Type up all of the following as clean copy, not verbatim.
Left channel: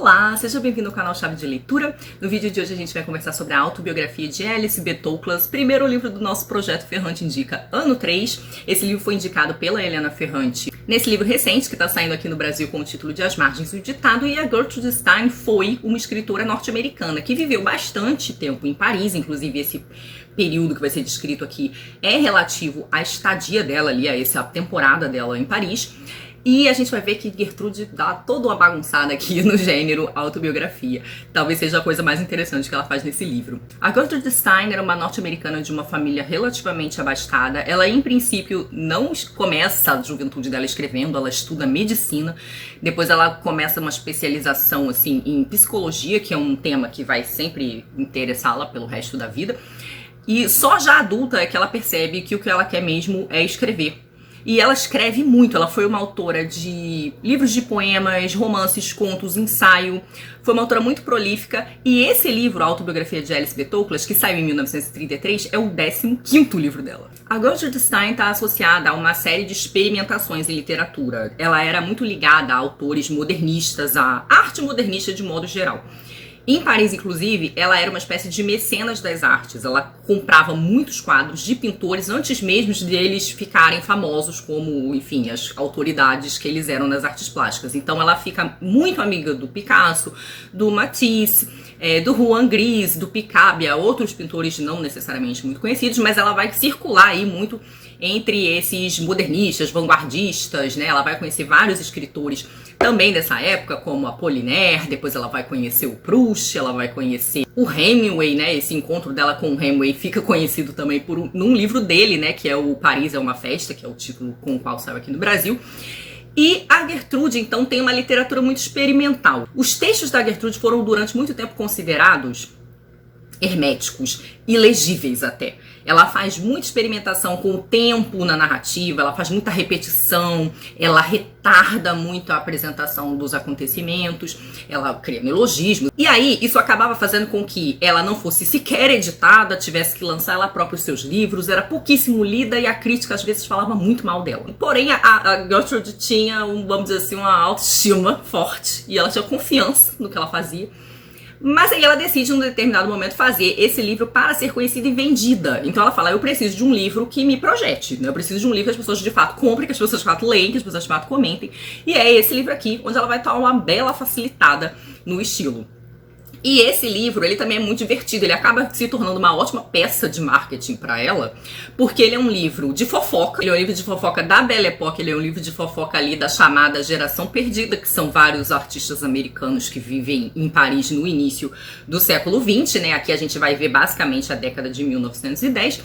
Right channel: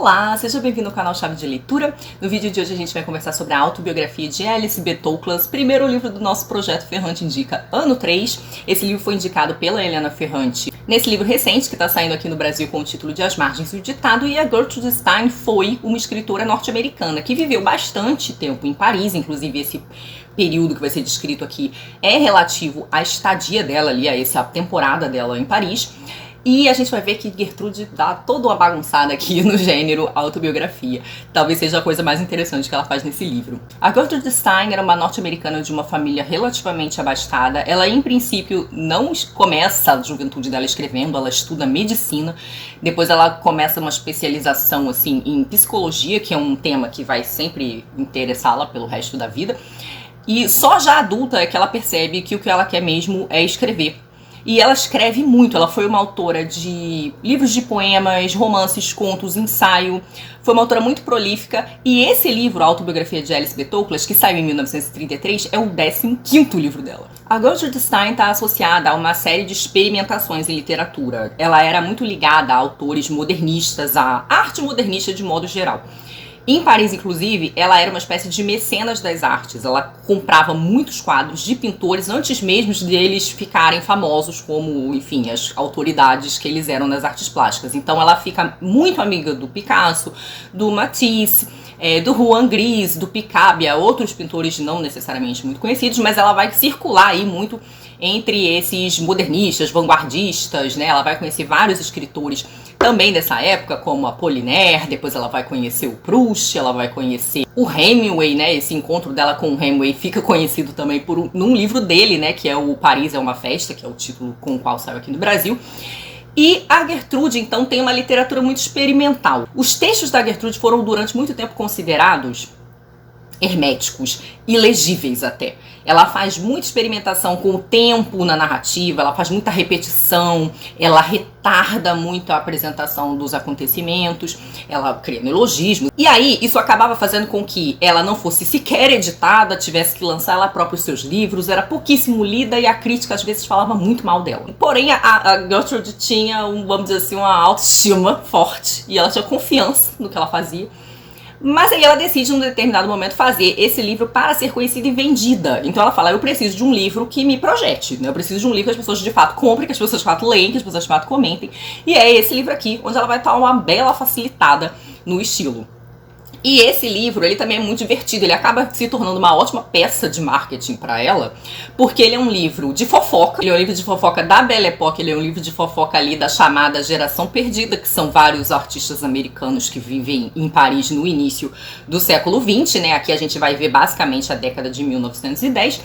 Olá, seja bem-vindo ao canal Chave de Leitura. No vídeo de hoje a gente vai conversar sobre a autobiografia de Alice B. Toklas, primeiro livro do nosso projeto Ferrante Indica, ano 3. Esse livro foi indicado pela Helena Ferrante nesse livro recente que está saindo aqui no Brasil com o título de As Margens do Ditado, e a Gertrude Stein foi uma escritora norte-americana que viveu bastante tempo em Paris, inclusive esse período que vai ser descrito aqui é relativo à estadia dela ali, a essa temporada dela em Paris. E a gente vai ver que Gertrude dá toda uma bagunçada aqui no gênero autobiografia. Talvez seja a coisa mais interessante que ela faz nesse livro. A Gertrude Stein era uma norte-americana de uma família relativamente abastada. Ela, em princípio, não começa a juventude dela escrevendo, ela estuda medicina. Depois ela começa uma especialização assim, em psicologia, que é um tema que vai sempre interessá-la pelo resto da vida. E só já adulta é que ela percebe que o que ela quer mesmo é escrever. E ela escreve muito, ela foi uma autora de livros de poemas, romances, contos, ensaio. Foi uma autora muito prolífica. E esse livro, a autobiografia de Alice B. Toklas, que saiu em 1933, é o 15º livro dela. A Gertrude Stein está associada a uma série de experimentações em literatura. Ela era muito ligada a autores modernistas, à arte modernista de modo geral. Em Paris, inclusive, ela era uma espécie de mecenas das artes. Ela comprava muitos quadros de pintores antes mesmo deles ficarem famosos como, enfim, as autoridades que eles eram nas artes plásticas. Então ela fica muito amiga do Picasso, do Matisse, do Juan Gris, do Picabia, outros pintores não necessariamente muito conhecidos, mas ela vai circular aí muito entre esses modernistas, vanguardistas, né? Ela vai conhecer vários escritores também dessa época, como Apollinaire, depois ela vai conhecer o Proust, ela vai conhecer o Hemingway, né? Esse encontro dela com o Hemingway fica conhecido também num livro dele, né? Que é o Paris é uma Festa, que é o título com o qual saiu aqui no Brasil. E a Gertrude, então, tem uma literatura muito experimental. Os textos da Gertrude foram durante muito tempo considerados herméticos, ilegíveis até. Ela faz muita experimentação com o tempo na narrativa, ela faz muita repetição, ela retarda muito a apresentação dos acontecimentos, ela cria neologismos. E aí, isso acabava fazendo com que ela não fosse sequer editada, tivesse que lançar ela própria os seus livros, era pouquíssimo lida e a crítica às vezes falava muito mal dela. Porém, a Gertrude tinha, vamos dizer assim, uma autoestima forte e ela tinha confiança no que ela fazia. Mas aí ela decide, num determinado momento, fazer esse livro para ser conhecida e vendida. Então ela fala, eu preciso de um livro que me projete, né? Eu preciso de um livro que as pessoas de fato comprem, que as pessoas de fato leem, que as pessoas de fato comentem. E é esse livro aqui, onde ela vai estar uma bela facilitada no estilo. E esse livro, ele também é muito divertido, ele acaba se tornando uma ótima peça de marketing para ela, porque ele é um livro de fofoca, ele é um livro de fofoca da Belle Époque, ele é um livro de fofoca ali da chamada Geração Perdida, que são vários artistas americanos que vivem em Paris no início do século XX, né? Aqui a gente vai ver basicamente a década de 1910.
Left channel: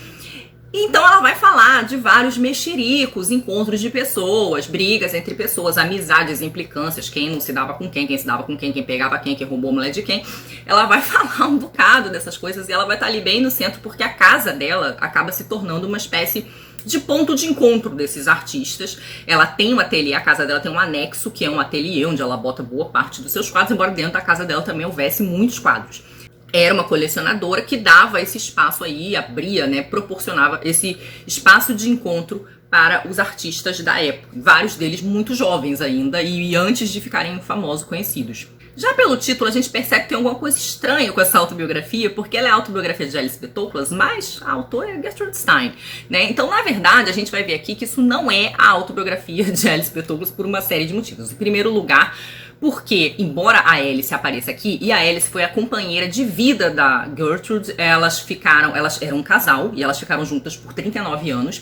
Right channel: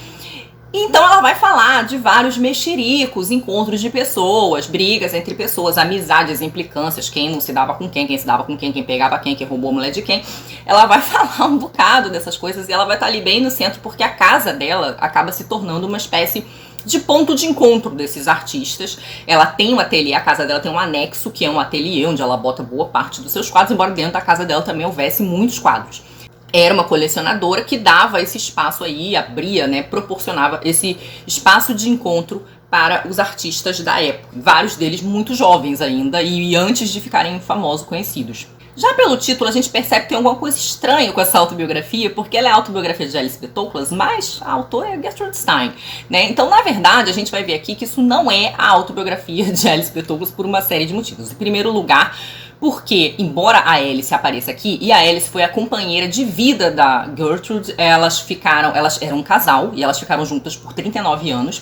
Então ela vai falar de vários mexericos, encontros de pessoas, brigas entre pessoas, amizades, implicâncias, quem não se dava com quem se dava com quem pegava quem roubou a mulher de quem. Ela vai falar um bocado dessas coisas e ela vai estar ali bem no centro porque a casa dela acaba se tornando uma espécie de ponto de encontro desses artistas. Ela tem um ateliê, a casa dela tem um anexo, que é um ateliê onde ela bota boa parte dos seus quadros, embora dentro da casa dela também houvesse muitos quadros. Era uma colecionadora que dava esse espaço aí, abria, né, proporcionava esse espaço de encontro para os artistas da época. Vários deles muito jovens ainda e antes de ficarem famosos, conhecidos. Já pelo título, a gente percebe que tem alguma coisa estranha com essa autobiografia, porque ela é a autobiografia de Alice B. Toklas, mas a autora é Gertrude Stein, né? Então, na verdade, a gente vai ver aqui que isso não é a autobiografia de Alice B. Toklas por uma série de motivos. Em primeiro lugar, porque, embora a Alice apareça aqui, e a Alice foi a companheira de vida da Gertrude, elas eram um casal, e elas ficaram juntas por 39 anos.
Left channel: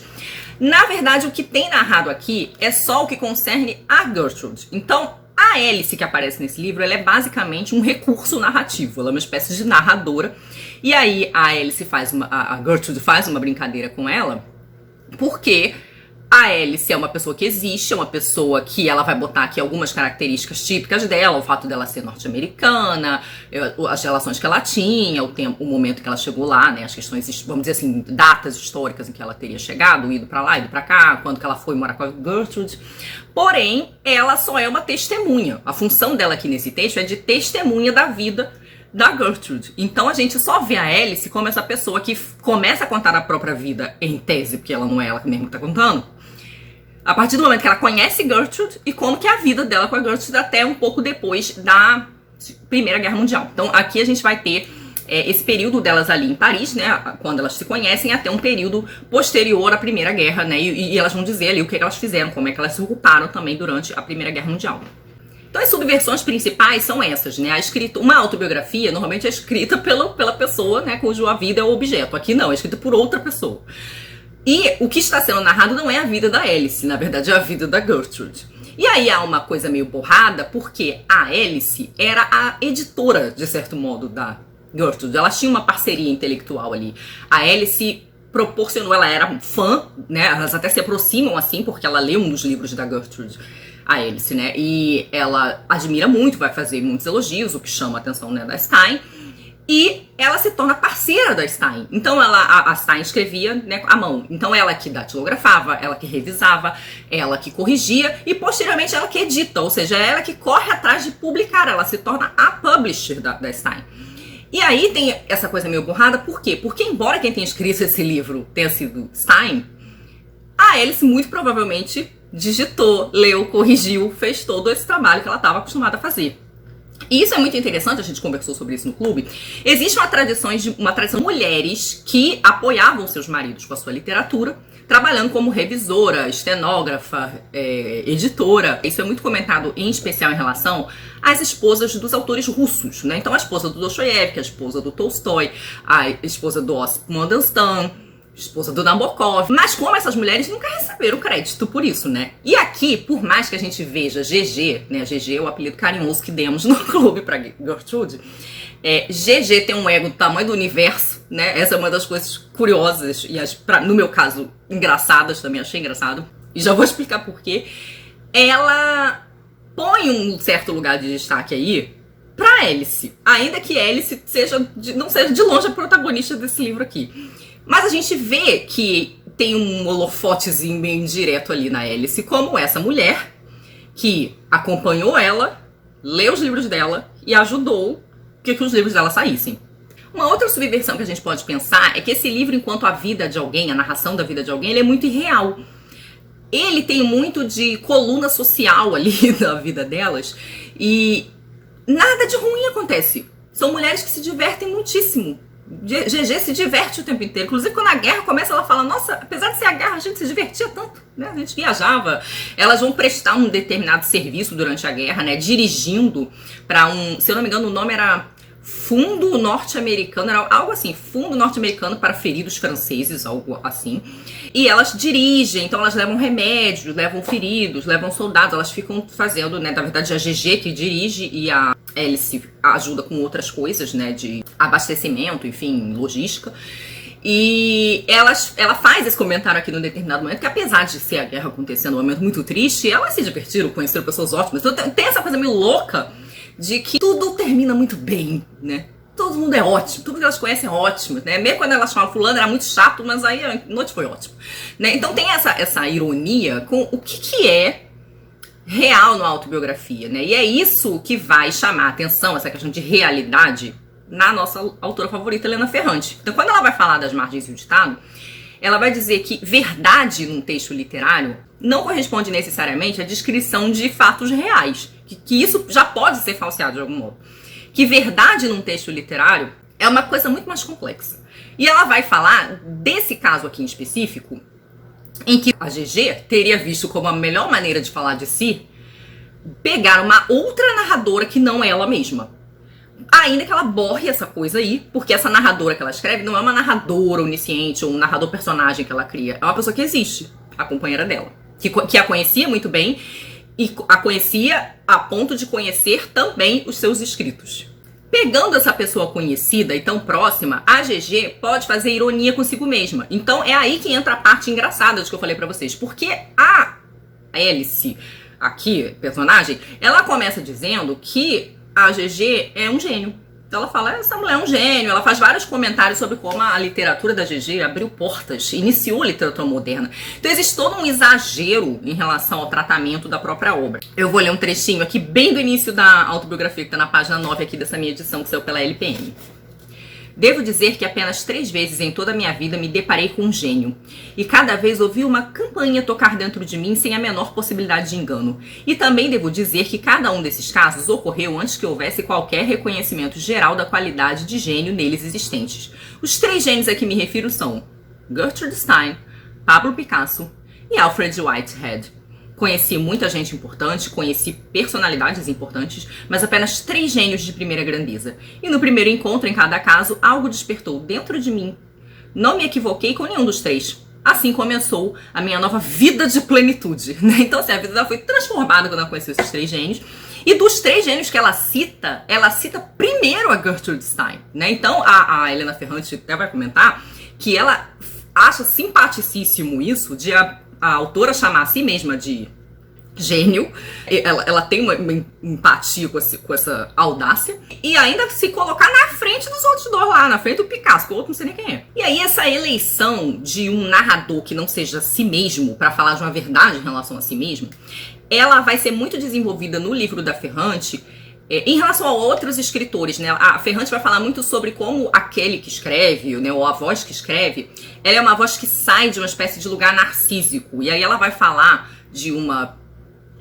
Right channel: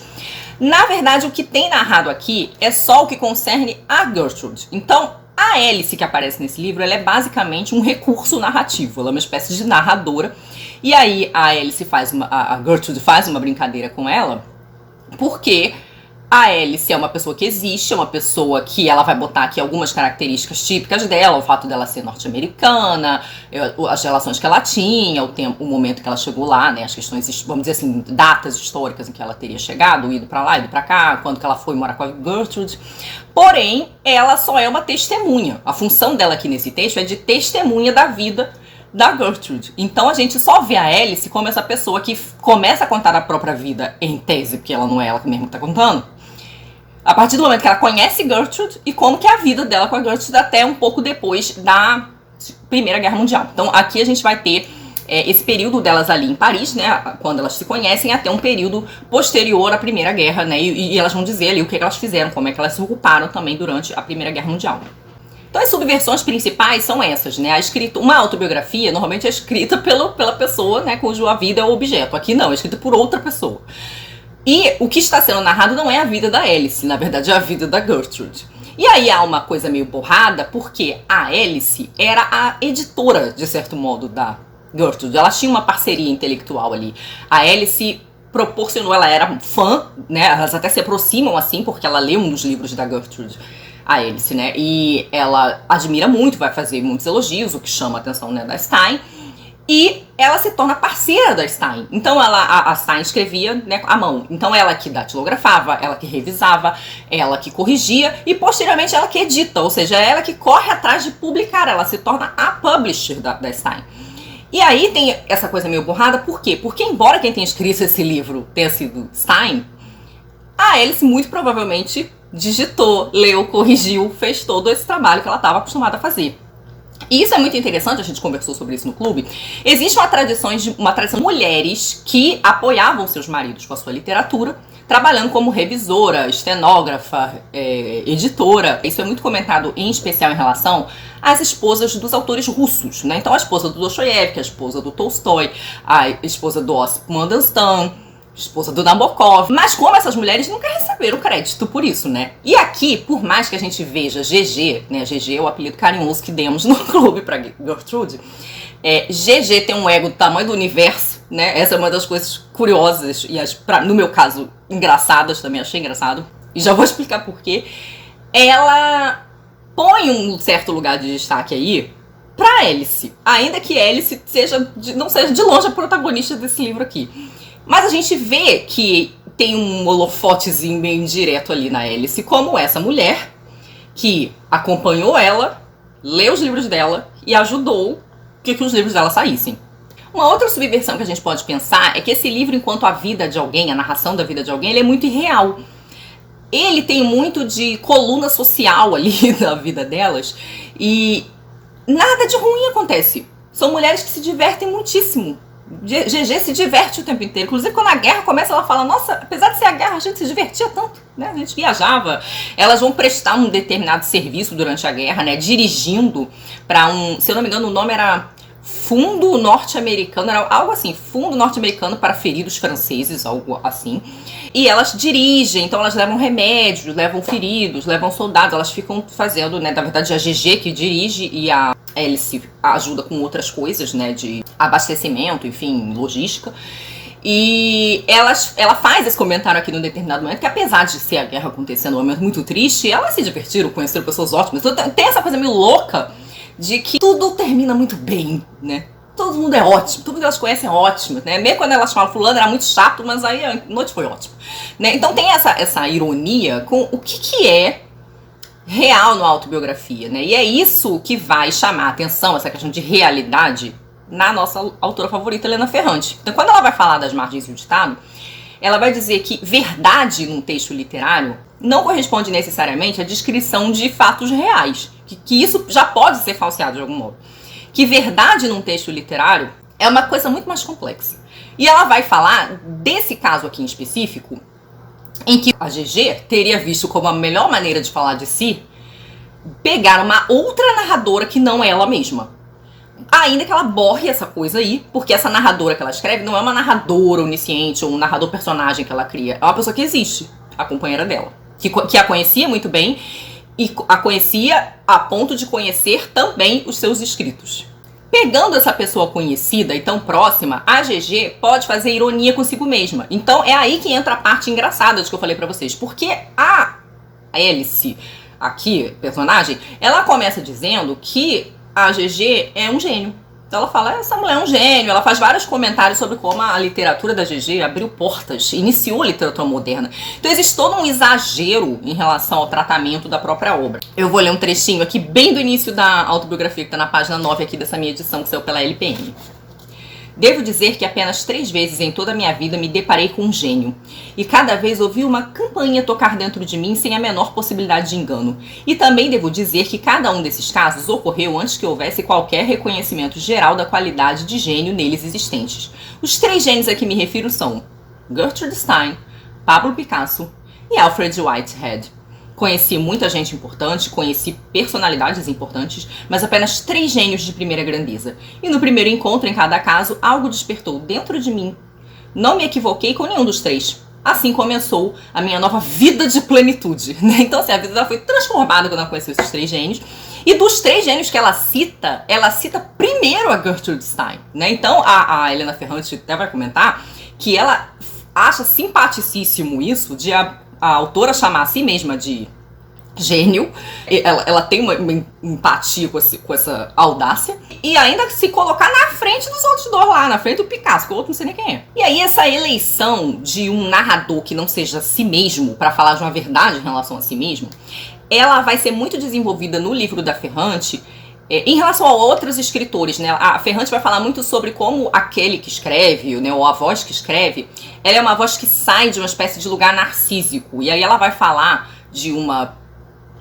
Na verdade, o que tem narrado aqui é só o que concerne a Gertrude. Então, a Alice que aparece nesse livro, ela é basicamente um recurso narrativo, ela é uma espécie de narradora. E aí a Gertrude faz uma brincadeira com ela, porque a Alice é uma pessoa que existe, é uma pessoa que ela vai botar aqui algumas características típicas dela, o fato dela ser norte-americana, as relações que ela tinha, o momento que ela chegou lá, né, as questões, vamos dizer assim, datas históricas em que ela teria chegado, ido pra lá, ido pra cá, quando que ela foi morar com a Gertrude. Porém, ela só é uma testemunha. A função dela aqui nesse texto é de testemunha da vida da Gertrude. Então a gente só vê a Alice como essa pessoa que começa a contar a própria vida em tese, porque ela não é ela mesma que tá contando, a partir do momento que ela conhece Gertrude e como que é a vida dela com a Gertrude até um pouco depois da Primeira Guerra Mundial. Então aqui a gente vai ter esse período delas ali em Paris, né, quando elas se conhecem, até um período posterior à Primeira Guerra, né, e elas vão dizer ali o que elas fizeram, como é que elas se ocuparam também durante a Primeira Guerra Mundial. Então as subversões principais são essas, né, uma autobiografia normalmente é escrita pela pessoa, né, cuja vida é o objeto. Aqui não, é escrita por outra pessoa. E o que está sendo narrado não é a vida da Alice, na verdade é a vida da Gertrude. E aí há uma coisa meio borrada, porque a Alice era a editora, de certo modo, da Gertrude. Ela tinha uma parceria intelectual ali. A Alice proporcionou, ela era fã, né? Elas até se aproximam assim, porque ela lê um dos livros da Gertrude, a Alice, né? E ela admira muito, vai fazer muitos elogios, o que chama a atenção, né, da Stein. E ela se torna parceira da Stein. Então a Stein escrevia, né, à mão. Então ela que datilografava, ela que revisava, ela que corrigia e posteriormente ela que edita. Ou seja, ela que corre atrás de publicar. Ela se torna a publisher da Stein. E aí tem essa coisa meio borrada, por quê? Porque embora quem tenha escrito esse livro tenha sido Stein, a Alice muito provavelmente digitou, leu, corrigiu, fez todo esse trabalho que ela estava acostumada a fazer. E isso é muito interessante, a gente conversou sobre isso no clube. Existe uma tradição de mulheres que apoiavam seus maridos com a sua literatura, trabalhando como revisora, estenógrafa, editora. Isso é muito comentado em especial em relação às esposas dos autores russos, né? Então a esposa do Dostoiévski, a esposa do Tolstói, a esposa do Osip Mandelstam, esposa do Nabokov. Mas como essas mulheres nunca receberam crédito por isso, né? E aqui, por mais que a gente veja GG, né? GG é o apelido carinhoso que demos no clube pra Gertrude. GG tem um ego do tamanho do universo, né? Essa é uma das coisas curiosas e, no meu caso, engraçadas também. Achei engraçado. E já vou explicar por quê. Ela põe um certo lugar de destaque aí pra Alice. Ainda que Alice não seja de longe a protagonista desse livro aqui. Mas a gente vê que tem um holofotezinho meio indireto ali na Alice, como essa mulher que acompanhou ela, leu os livros dela e ajudou que os livros dela saíssem. Uma outra subversão que a gente pode pensar é que esse livro, enquanto a vida de alguém, a narração da vida de alguém, ele é muito irreal. Ele tem muito de coluna social ali na vida delas e nada de ruim acontece. São mulheres que se divertem muitíssimo. GG se diverte o tempo inteiro. Inclusive, quando a guerra começa, ela fala: nossa, apesar de ser a guerra, a gente se divertia tanto, né? A gente viajava. Elas vão prestar um determinado serviço durante a guerra, né? Dirigindo para se eu não me engano, o nome era Fundo Norte-Americano, era algo assim, Fundo Norte-Americano para Feridos Franceses, algo assim. E elas dirigem, então elas levam remédios, levam feridos, levam soldados, elas ficam fazendo, né? Na verdade, a GG que dirige e a Alice ajuda com outras coisas, né? De abastecimento, enfim, logística. E ela faz esse comentário aqui num determinado momento, que apesar de ser a guerra acontecendo, um momento muito triste, elas se divertiram, conheceram pessoas ótimas. Então tem essa coisa meio louca de que tudo termina muito bem, né? Todo mundo é ótimo, tudo que elas conhecem é ótimo, né? Mesmo quando elas falam fulano era muito chato, mas aí a noite foi ótima, né? Então tem essa ironia com o que é real na autobiografia, né? E é isso que vai chamar a atenção, essa questão de realidade, na nossa autora favorita, Helena Ferrante. Então quando ela vai falar das margens do ditado, ela vai dizer que verdade num texto literário não corresponde necessariamente à descrição de fatos reais, que isso já pode ser falseado de algum modo. Que verdade num texto literário é uma coisa muito mais complexa. E ela vai falar desse caso aqui em específico, em que a GG teria visto como a melhor maneira de falar de si pegar uma outra narradora que não é ela mesma. Ainda que ela borre essa coisa aí, porque essa narradora que ela escreve não é uma narradora onisciente ou um narrador personagem que ela cria. É uma pessoa que existe, a companheira dela, que a conhecia muito bem e a conhecia a ponto de conhecer também os seus escritos. Pegando essa pessoa conhecida e tão próxima, a GG pode fazer ironia consigo mesma. Então é aí que entra a parte engraçada de que eu falei pra vocês. Porque a Alice, aqui, personagem, ela começa dizendo que a GG é um gênio. Então ela fala, essa mulher é um gênio. Ela faz vários comentários sobre como a literatura da GG abriu portas, iniciou a literatura moderna. Então existe todo um exagero em relação ao tratamento da própria obra. Eu vou ler um trechinho aqui bem do início da autobiografia, que está na página 9 aqui dessa minha edição, que saiu pela LPM. Devo dizer que apenas 3 vezes em toda a minha vida me deparei com um gênio. E cada vez ouvi uma campainha tocar dentro de mim sem a menor possibilidade de engano. E também devo dizer que cada um desses casos ocorreu antes que houvesse qualquer reconhecimento geral da qualidade de gênio neles existentes. Os 3 gênios a que me refiro são Gertrude Stein, Pablo Picasso e Alfred Whitehead. Conheci muita gente importante, conheci personalidades importantes, mas apenas 3 gênios de primeira grandeza. E no primeiro encontro, em cada caso, algo despertou dentro de mim. Não me equivoquei com nenhum dos 3. Assim começou a minha nova vida de plenitude, né? Então, assim, a vida dela foi transformada quando ela conheceu esses 3 gênios. E dos 3 gênios que ela cita primeiro a Gertrude Stein, né? Então, a Helena Ferrante até vai comentar que ela acha simpaticíssimo isso de a autora chamar a si mesma de gênio. Ela tem uma empatia com essa audácia e ainda se colocar na frente dos outros dois lá, na frente do Picasso, que o outro não sei nem quem é. E aí essa eleição de um narrador que não seja si mesmo, para falar de uma verdade em relação a si mesmo, ela vai ser muito desenvolvida no livro da Ferrante. Em relação a outros escritores, né, a Ferrante vai falar muito sobre como aquele que escreve, né, ou a voz que escreve, ela é uma voz que sai de uma espécie de lugar narcísico. E aí ela vai falar de uma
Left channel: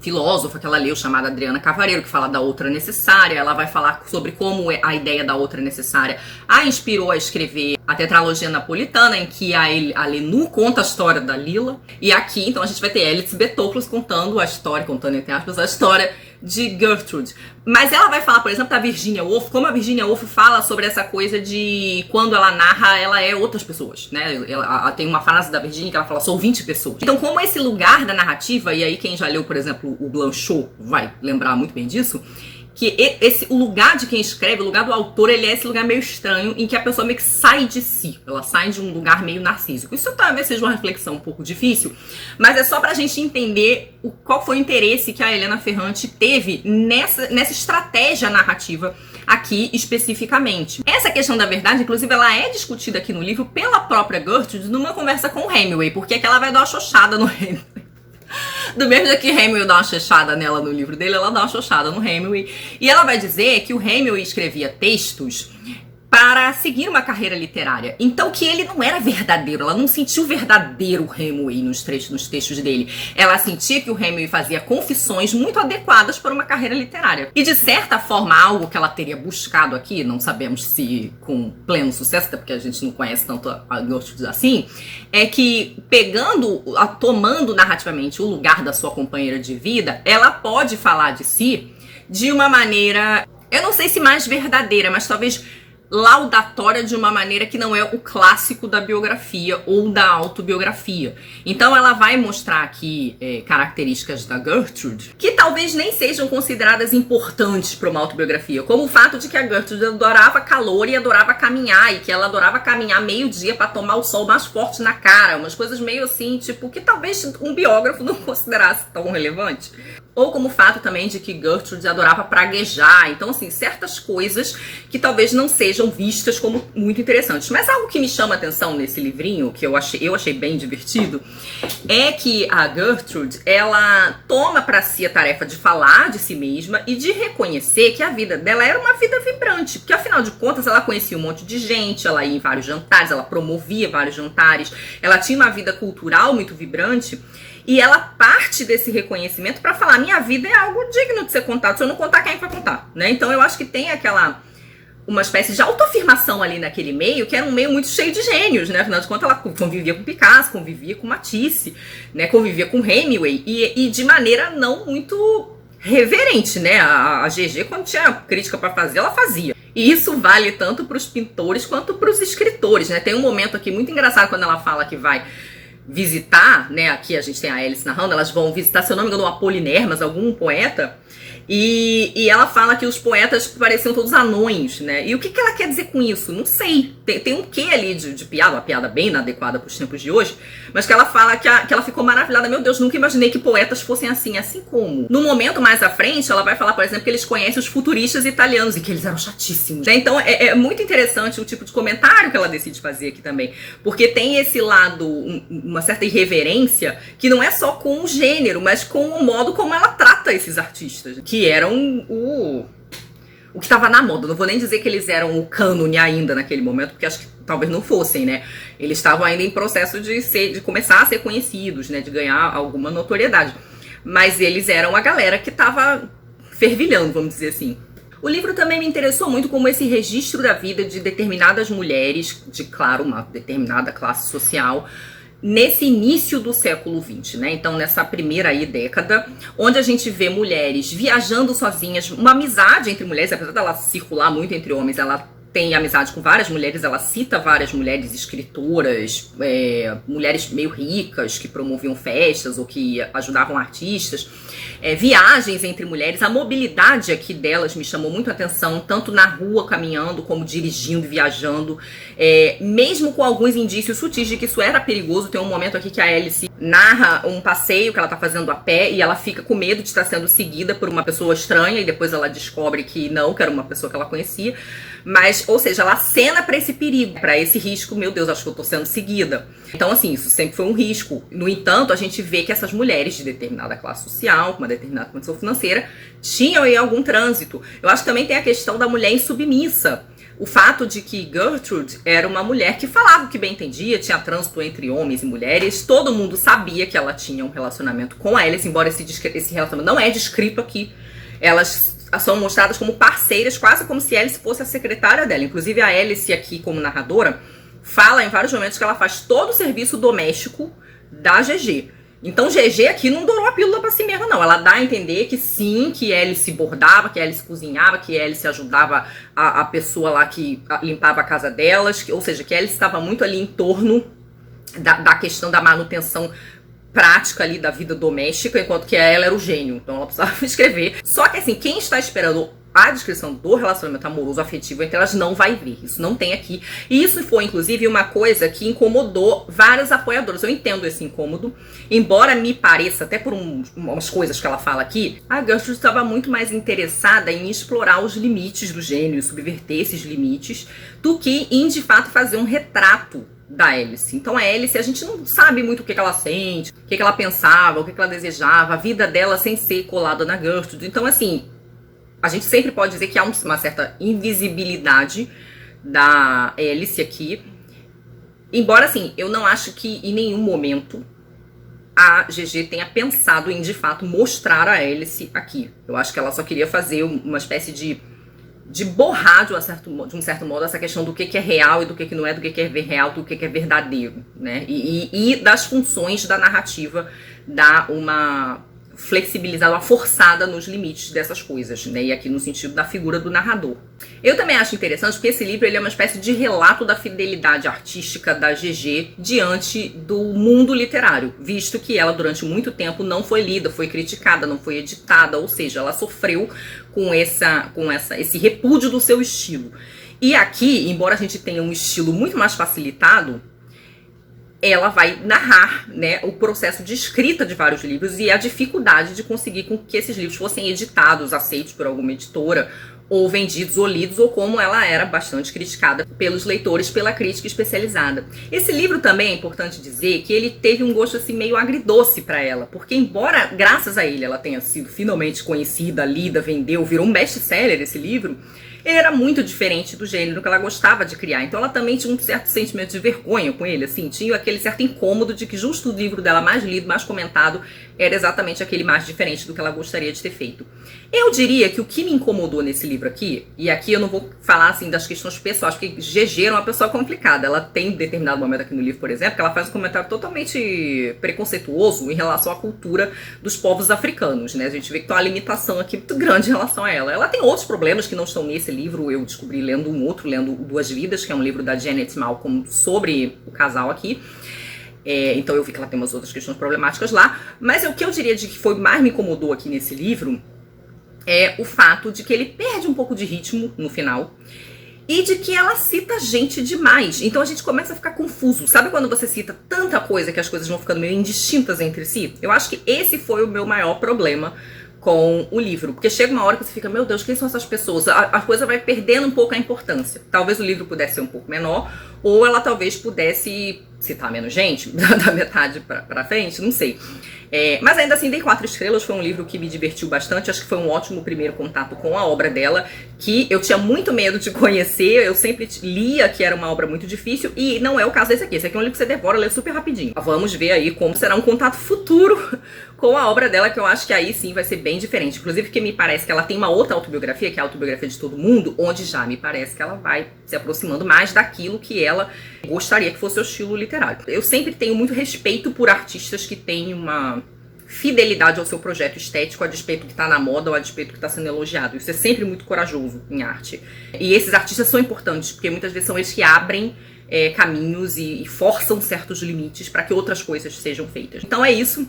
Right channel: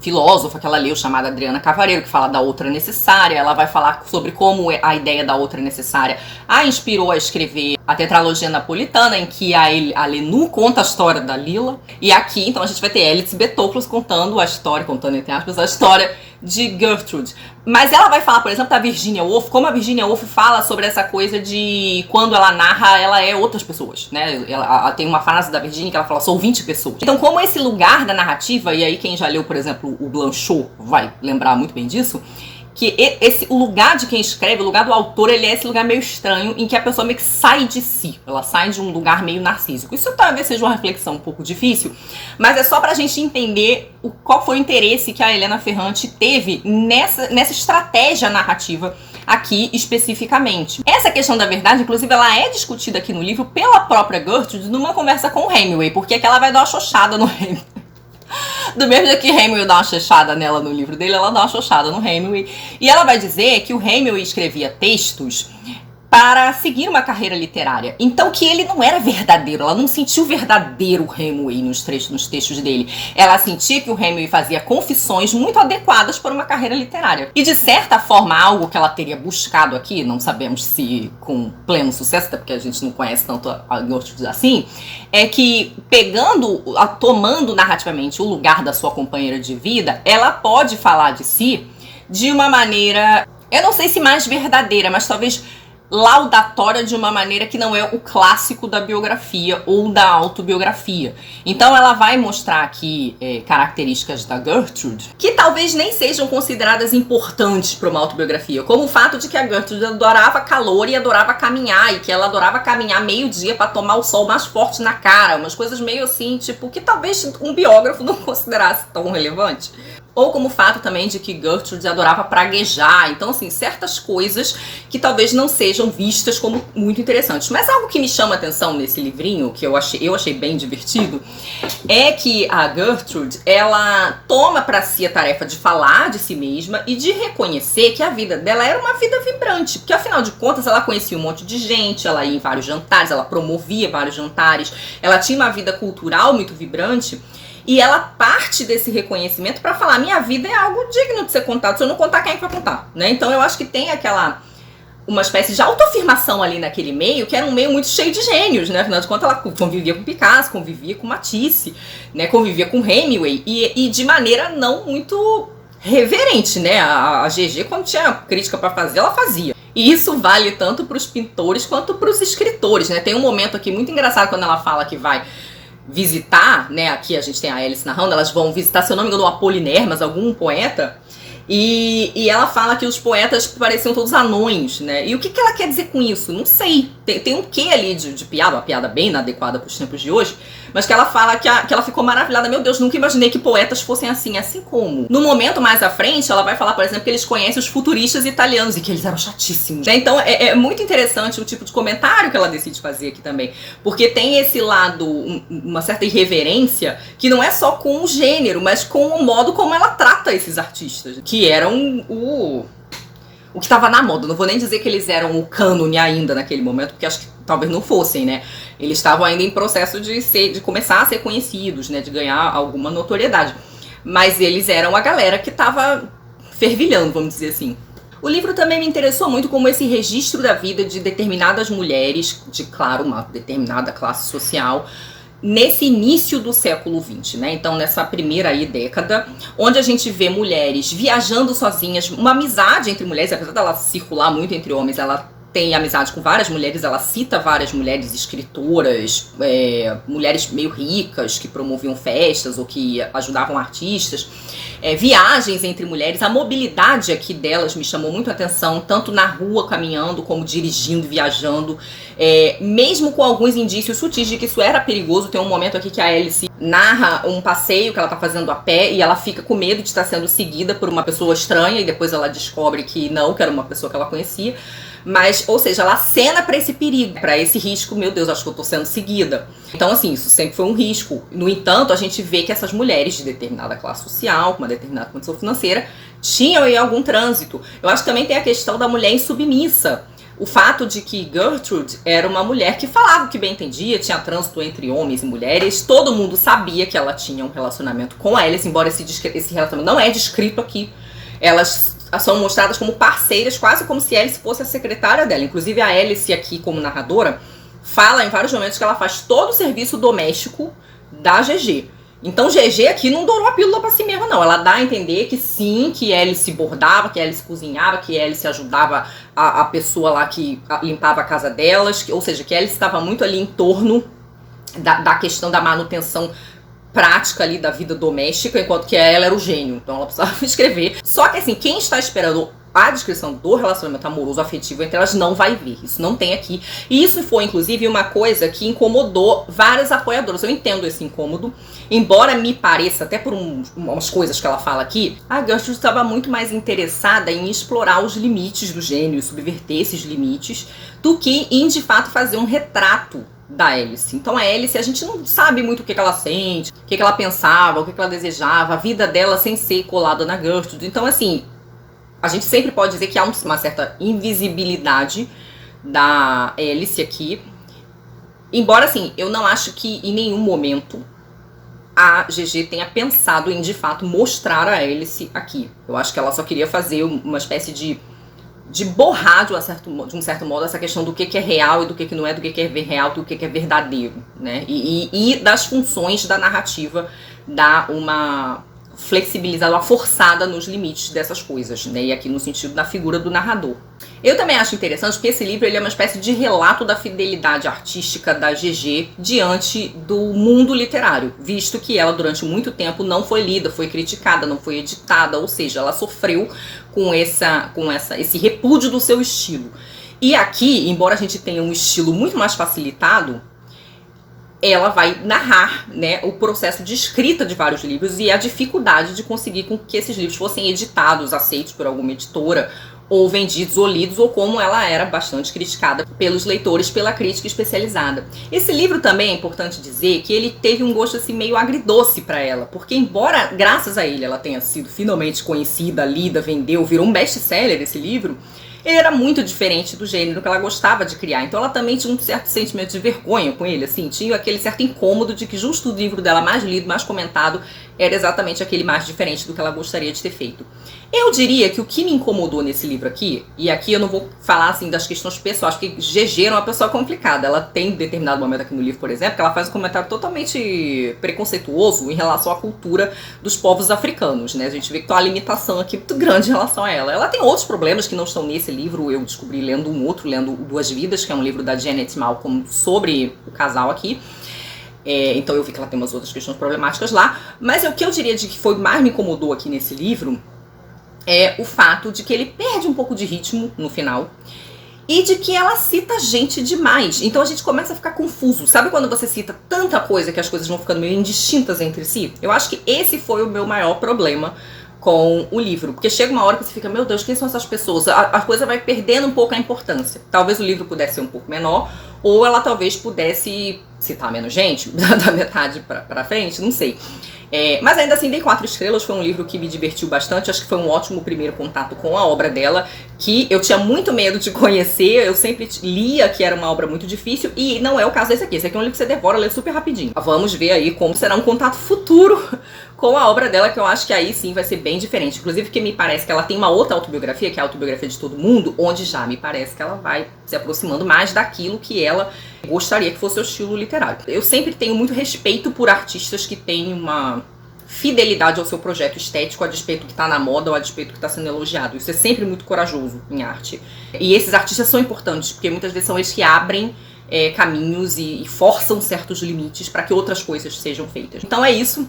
filósofa que ela leu, chamada Adriana Cavareiro, que fala da outra necessária. Ela vai falar sobre como a ideia da outra necessária a inspirou a escrever a tetralogia napolitana, em que a Lenu conta a história da Lila. E aqui, então, a gente vai ter Alice B. Toklas contando entre aspas, a história de Gertrude. Mas ela vai falar, por exemplo, da Virginia Woolf, como a Virginia Woolf fala sobre essa coisa de quando ela narra, ela é outras pessoas, né? Ela tem uma frase da Virginia que ela fala, sou 20 pessoas. Então, como esse lugar da narrativa, e aí quem já leu, por exemplo, o Blanchot vai lembrar muito bem disso, que o lugar de quem escreve, o lugar do autor, ele é esse lugar meio estranho, em que a pessoa meio que sai de si. Ela sai de um lugar meio narcísico. Isso talvez seja uma reflexão um pouco difícil, mas é só pra gente entender qual foi o interesse que a Helena Ferrante teve nessa estratégia narrativa aqui especificamente. Essa questão da verdade, inclusive, ela é discutida aqui no livro pela própria Gertrude numa conversa com o Hemingway, porque aqui ela vai dar uma xoxada no Hemingway. Do mesmo jeito que Hemingway dá uma xoxada nela no livro dele, ela dá uma xoxada no Hemingway. E ela vai dizer que o Hemingway escrevia textos para seguir uma carreira literária. Então que ele não era verdadeiro, ela não sentiu o verdadeiro Hemingway nos textos dele. Ela sentia que o Hemingway fazia confissões muito adequadas para uma carreira literária. E de certa forma, algo que ela teria buscado aqui, não sabemos se com pleno sucesso, até porque a gente não conhece tanto a Gertrude assim, é que tomando narrativamente o lugar da sua companheira de vida, ela pode falar de si de uma maneira, eu não sei se mais verdadeira, mas talvez laudatória, de uma maneira que não é o clássico da biografia ou da autobiografia. Então ela vai mostrar aqui características da Gertrude que talvez nem sejam consideradas importantes para uma autobiografia, como o fato de que a Gertrude adorava calor e adorava caminhar, e que ela adorava caminhar meio-dia para tomar o sol mais forte na cara, umas coisas meio assim, tipo, que talvez um biógrafo não considerasse tão relevante. Ou como o fato também de que Gertrude adorava praguejar. Então, assim, certas coisas que talvez não sejam vistas como muito interessantes. Mas algo que me chama a atenção nesse livrinho, que eu achei bem divertido, é que a Gertrude, ela toma para si a tarefa de falar de si mesma e de reconhecer que a vida dela era uma vida vibrante. Porque, afinal de contas, ela conhecia um monte de gente, ela ia em vários jantares, ela promovia vários jantares, ela tinha uma vida cultural muito vibrante. E ela parte desse reconhecimento para falar, minha vida é algo digno de ser contado, se eu não contar, quem é que vai contar, né? Então eu acho que tem uma espécie de autoafirmação ali naquele meio, que era um meio muito cheio de gênios, né? Afinal de contas, ela convivia com Picasso, convivia com Matisse, né? Convivia com Hemingway, e de maneira não muito reverente, né? A GG, quando tinha crítica para fazer, ela fazia. E isso vale tanto para os pintores quanto para os escritores, né? Tem um momento aqui muito engraçado quando ela fala que vai visitar, né, aqui a gente tem a Alice narrando, elas vão visitar, se eu não me engano, o Apolinermas, algum poeta, e ela fala que os poetas pareciam todos anões, né, e o que ela quer dizer com isso? Não sei, tem um quê ali de piada, uma piada bem inadequada para os tempos de hoje, mas que ela fala que ela ficou maravilhada, meu Deus, nunca imaginei que poetas fossem assim como. No momento mais à frente, ela vai falar, por exemplo, que eles conhecem os futuristas italianos e que eles eram chatíssimos, né? Então é muito interessante o tipo de comentário que ela decide fazer aqui também, porque tem esse lado, uma certa irreverência, que não é só com o gênero, mas com o modo como ela trata esses artistas, que eram o que estava na moda. Não vou nem dizer que eles eram o cânone ainda naquele momento, porque acho que talvez não fossem, né? Eles estavam ainda em processo de começar a ser conhecidos, né? De ganhar alguma notoriedade. Mas eles eram a galera que estava fervilhando, vamos dizer assim. O livro também me interessou muito como esse registro da vida de determinadas mulheres, de, claro, uma determinada classe social, nesse início do século XX, né? Então, nessa primeira aí década, onde a gente vê mulheres viajando sozinhas, uma amizade entre mulheres, apesar dela circular muito entre homens, ela tem amizade com várias mulheres, ela cita várias mulheres escritoras, mulheres meio ricas que promoviam festas ou que ajudavam artistas, viagens entre mulheres. A mobilidade aqui delas me chamou muito a atenção, tanto na rua caminhando como dirigindo, viajando, mesmo com alguns indícios sutis de que isso era perigoso. Tem um momento aqui que a Alice narra um passeio que ela tá fazendo a pé e ela fica com medo de estar sendo seguida por uma pessoa estranha e depois ela descobre que não, que era uma pessoa que ela conhecia. Mas, ou seja, ela acena para esse perigo, para esse risco. Meu Deus, acho que eu tô sendo seguida. Então, assim, isso sempre foi um risco. No entanto, a gente vê que essas mulheres de determinada classe social, com uma determinada condição financeira, tinham aí algum trânsito. Eu acho que também tem a questão da mulher insubmissa. O fato de que Gertrude era uma mulher que falava o que bem entendia, tinha trânsito entre homens e mulheres, todo mundo sabia que ela tinha um relacionamento com a Alice, embora esse relacionamento não é descrito aqui. Elas são mostradas como parceiras, quase como se Alice fosse a secretária dela. Inclusive a Alice aqui, como narradora, fala em vários momentos que ela faz todo o serviço doméstico da GG. Então GG aqui não dourou a pílula pra si mesma, não. Ela dá a entender que sim, que Alice bordava, que Alice cozinhava, que Alice ajudava a pessoa lá que limpava a casa delas, ou seja, que Alice estava muito ali em torno da questão da manutenção prática ali da vida doméstica, enquanto que ela era o gênio, então ela precisava escrever. Só que assim, quem está esperando a descrição do relacionamento amoroso afetivo entre elas não vai ver, isso não tem aqui. E isso foi inclusive uma coisa que incomodou várias apoiadoras. Eu entendo esse incômodo, embora me pareça, até por umas coisas que ela fala aqui, a Gertrude estava muito mais interessada em explorar os limites do gênio, subverter esses limites, do que em de fato fazer um retrato da Alice. Então a Alice, a gente não sabe muito o que ela sente, o que ela pensava, o que ela desejava, a vida dela sem ser colada na Gertrude. Então assim, a gente sempre pode dizer que há uma certa invisibilidade da Alice aqui. Embora assim, eu não acho que em nenhum momento a GG tenha pensado em de fato mostrar a Alice aqui. Eu acho que ela só queria fazer uma espécie de borrar de um certo modo essa questão do que é real e do que não é, do que é real, do que é verdadeiro, né? E das funções da narrativa dar uma flexibilizada, uma forçada nos limites dessas coisas, né? E aqui no sentido da figura do narrador. Eu também acho interessante porque esse livro ele é uma espécie de relato da fidelidade artística da GG diante do mundo literário, visto que ela durante muito tempo não foi lida, foi criticada, não foi editada, ou seja, ela sofreu com esse repúdio do seu estilo. E aqui, embora a gente tenha um estilo muito mais facilitado, ela vai narrar, né, o processo de escrita de vários livros e a dificuldade de conseguir com que esses livros fossem editados, aceitos por alguma editora, ou vendidos ou lidos, ou como ela era bastante criticada pelos leitores, pela crítica especializada. Esse livro também é importante dizer que ele teve um gosto assim meio agridoce para ela, porque embora graças a ele ela tenha sido finalmente conhecida, lida, vendeu, virou um best-seller esse livro, ele era muito diferente do gênero que ela gostava de criar. Então ela também tinha um certo sentimento de vergonha com ele, assim, tinha aquele certo incômodo de que justo o livro dela mais lido, mais comentado, era exatamente aquele mais diferente do que ela gostaria de ter feito. Eu diria que o que me incomodou nesse livro aqui, e aqui eu não vou falar assim das questões pessoais, porque GG era uma pessoa complicada. Ela tem um determinado momento aqui no livro, por exemplo, que ela faz um comentário totalmente preconceituoso em relação à cultura dos povos africanos, né? A gente vê que tem uma limitação aqui muito grande em relação a ela. Ela tem outros problemas que não estão nesse livro, eu descobri lendo lendo Duas Vidas, que é um livro da Janet Malcolm sobre o casal aqui. Então eu vi que ela tem umas outras questões problemáticas lá, mas o que eu diria de que foi mais me incomodou aqui nesse livro é o fato de que ele perde um pouco de ritmo no final e de que ela cita gente demais. Então a gente começa a ficar confuso. Sabe quando você cita tanta coisa que as coisas vão ficando meio indistintas entre si? Eu acho que esse foi o meu maior problema com o livro, porque chega uma hora que você fica, meu Deus, quem são essas pessoas? A coisa vai perdendo um pouco a importância. Talvez o livro pudesse ser um pouco menor, ou ela talvez pudesse citar menos gente, da metade pra frente, não sei. Mas ainda assim, dei 4 estrelas, foi um livro que me divertiu bastante, acho que foi um ótimo primeiro contato com a obra dela, que eu tinha muito medo de conhecer, eu sempre lia que era uma obra muito difícil, e não é o caso desse aqui. Esse aqui é um livro que você devora, lê super rapidinho. Vamos ver aí como será um contato futuro com a obra dela, que eu acho que aí sim vai ser bem diferente. Inclusive porque me parece que ela tem uma outra autobiografia, que é a Autobiografia de Todo Mundo, onde já me parece que ela vai se aproximando mais daquilo que ela gostaria que fosse o estilo literário. Eu sempre tenho muito respeito por artistas que têm uma fidelidade ao seu projeto estético, a despeito que tá na moda ou a despeito que tá sendo elogiado. Isso é sempre muito corajoso em arte. E esses artistas são importantes, porque muitas vezes são eles que abrem caminhos e forçam certos limites para que outras coisas sejam feitas. Então é isso.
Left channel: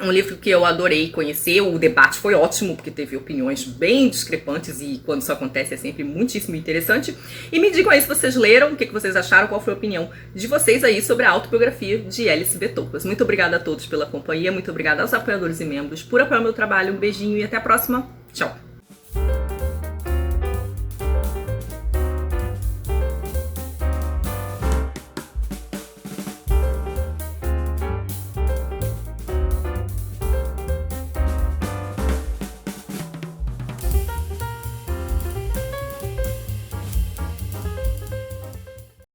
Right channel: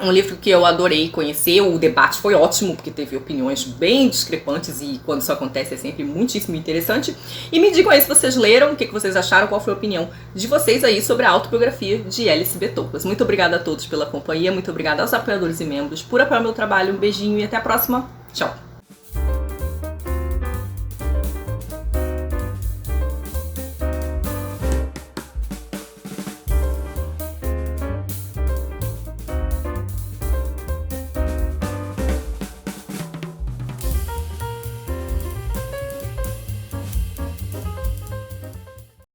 Um livro que eu adorei conhecer, o debate foi ótimo, porque teve opiniões bem discrepantes e quando isso acontece é sempre muitíssimo interessante. E me digam aí se vocês leram, o que vocês acharam, qual foi a opinião de vocês aí sobre a autobiografia de Alice B. Toklas. Muito obrigada a todos pela companhia, muito obrigada aos apoiadores e membros por apoiar o meu trabalho, um beijinho e até a próxima. Tchau!